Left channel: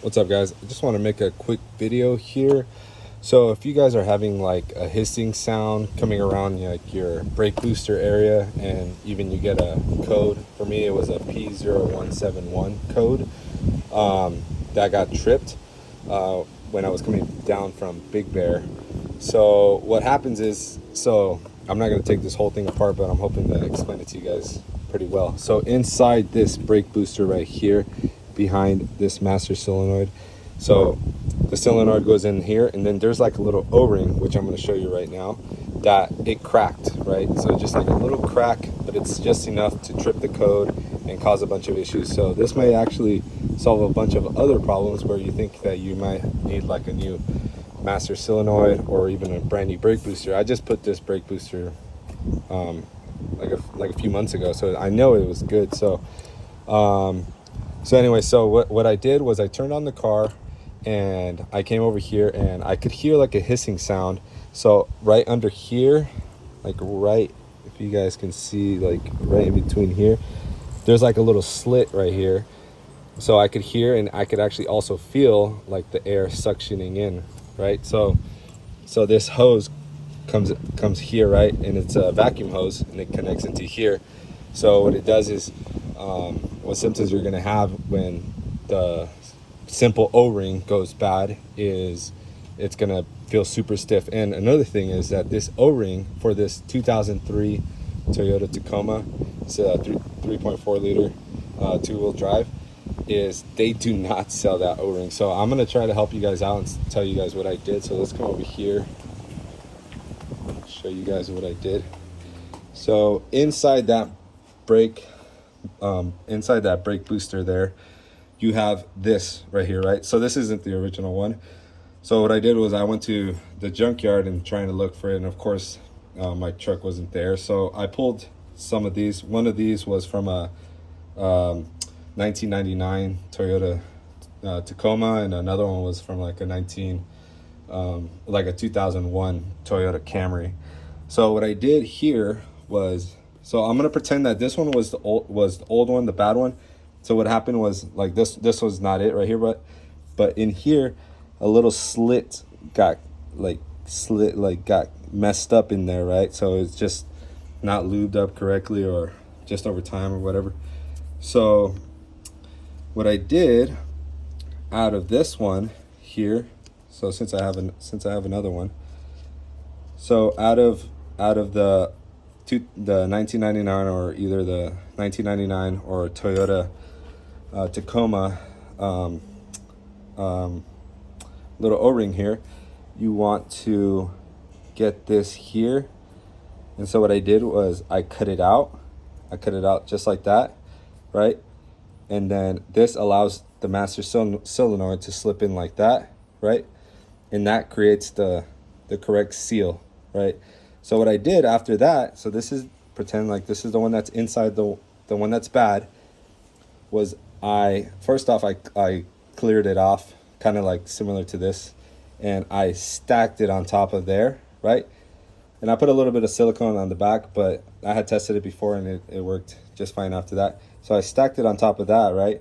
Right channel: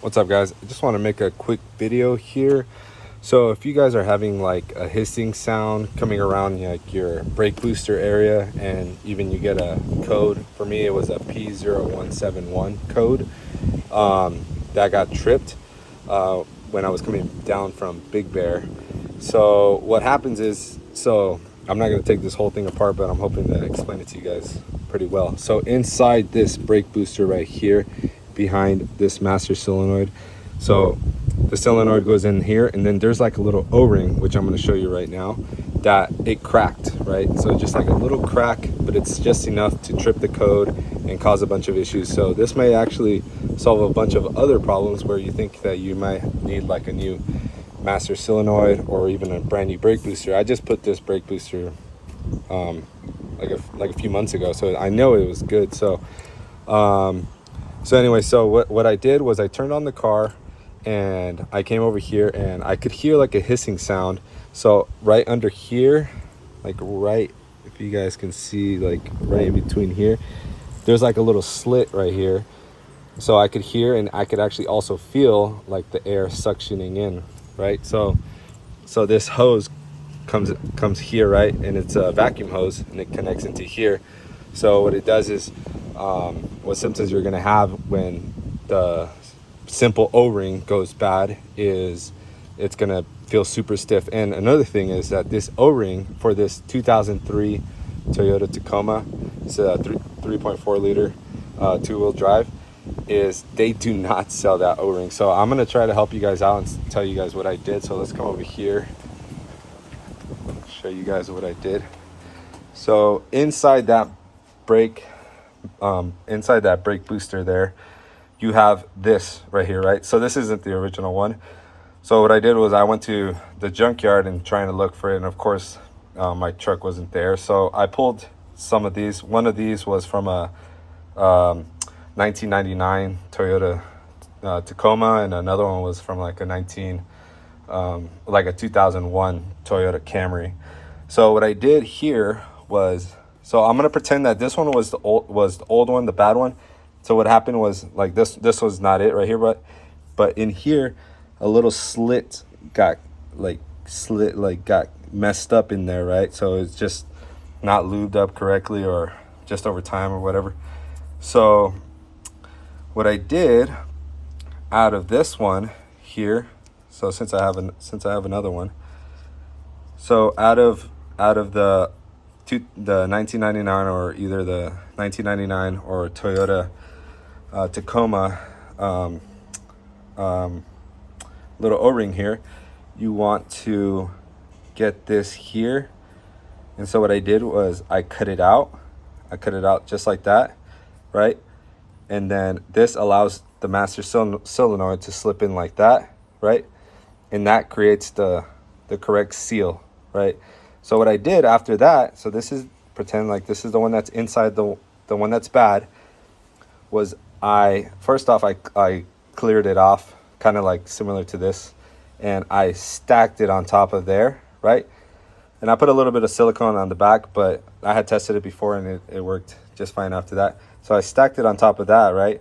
What's up, guys? I just want to make a quick video here. So if you guys are having like a hissing sound coming around like your brake booster area, and even you get a code, for me it was a P0171 code that got tripped when I was coming down from Big Bear. So what happens is, so I'm not going to take this whole thing apart, but I'm hoping to explain it to you guys pretty well. So inside this brake booster right here, behind this master solenoid, so the solenoid goes in here, and then there's like a little O-ring, which I'm going to show you right now, that it cracked, right? So just like a little crack, but it's just enough to trip the code and cause a bunch of issues. So this may actually solve a bunch of other problems where you think that you might need like a new master solenoid or even a brand new brake booster. I just put this brake booster like a few months ago, so I know it was good. So anyway, so what I did was I turned on the car and I came over here, and I could hear like a hissing sound. So right under here, like right, if you guys can see, like right in between here, there's like a little slit right here. So I could hear, and I could actually also feel like the air suctioning in, right? So this hose comes here, right? And it's a vacuum hose, and it connects into here. So what it does is, what symptoms you're gonna have when the simple O-ring goes bad is it's gonna feel super stiff. And another thing is that this O-ring for this 2003 Toyota Tacoma, it's a 3.4 liter two-wheel drive, is they do not sell that O-ring. So I'm gonna try to help you guys out and tell you guys what I did. So let's come over here, show you guys what I did. So inside that brake booster there, you have this right here, right? So this isn't the original one. So what I did was I went to the junkyard and trying to look for it, and of course my truck wasn't there. So I pulled some of these. One of these was from a 1999 Toyota Tacoma, and another one was from like a 2001 Toyota Camry. So what I did here was, so I'm gonna pretend that this one was the old one, the bad one. So what happened was, like, this was not it right here, but in here a little slit got messed up in there, right? So it's just not lubed up correctly, or just over time or whatever. So what I did out of this one here, so since I have another one, so out of the 1999, or either the 1999 or Toyota Tacoma little O-ring here, you want to get this here. And so what I did was I cut it out just like that, right? And then this allows the master solenoid to slip in like that, right? And that creates the correct seal, right? So what I did after that, so this is, pretend like this is the one that's inside, the one that's bad, was first off I cleared it off, kind of like similar to this, and I stacked it on top of there, right? And I put a little bit of silicone on the back, but I had tested it before and it worked just fine after that. So I stacked it on top of that, right?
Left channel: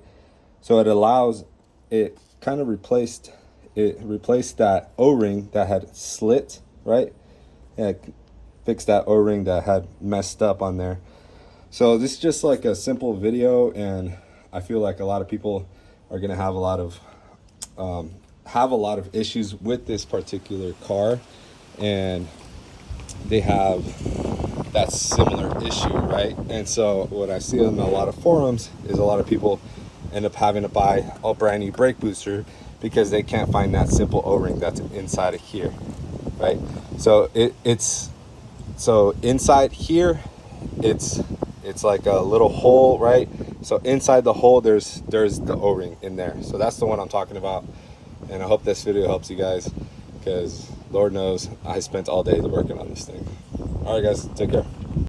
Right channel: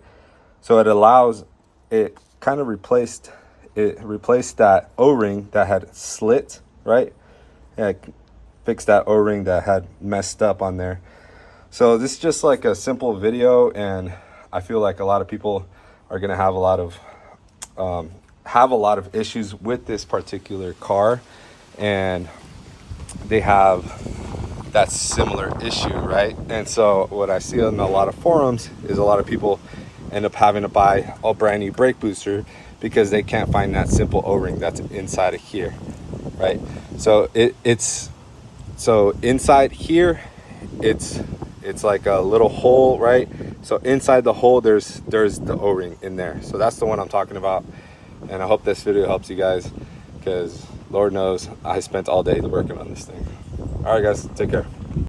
So it kind of replaced that O-ring that had slit, right? Yeah, fixed that O-ring that had messed up on there. So this is just like a simple video, and I feel like a lot of people are gonna have a lot of issues with this particular car, and they have that similar issue, right? And so what I see on a lot of forums is a lot of people end up having to buy a brand new brake booster because they can't find that simple O-ring that's inside of here, right? So it's inside here, it's like a little hole, right? So inside the hole, there's the O-ring in there. So that's the one I'm talking about. And I hope this video helps you guys, because Lord knows I spent all day working on this thing. All right, guys, take care.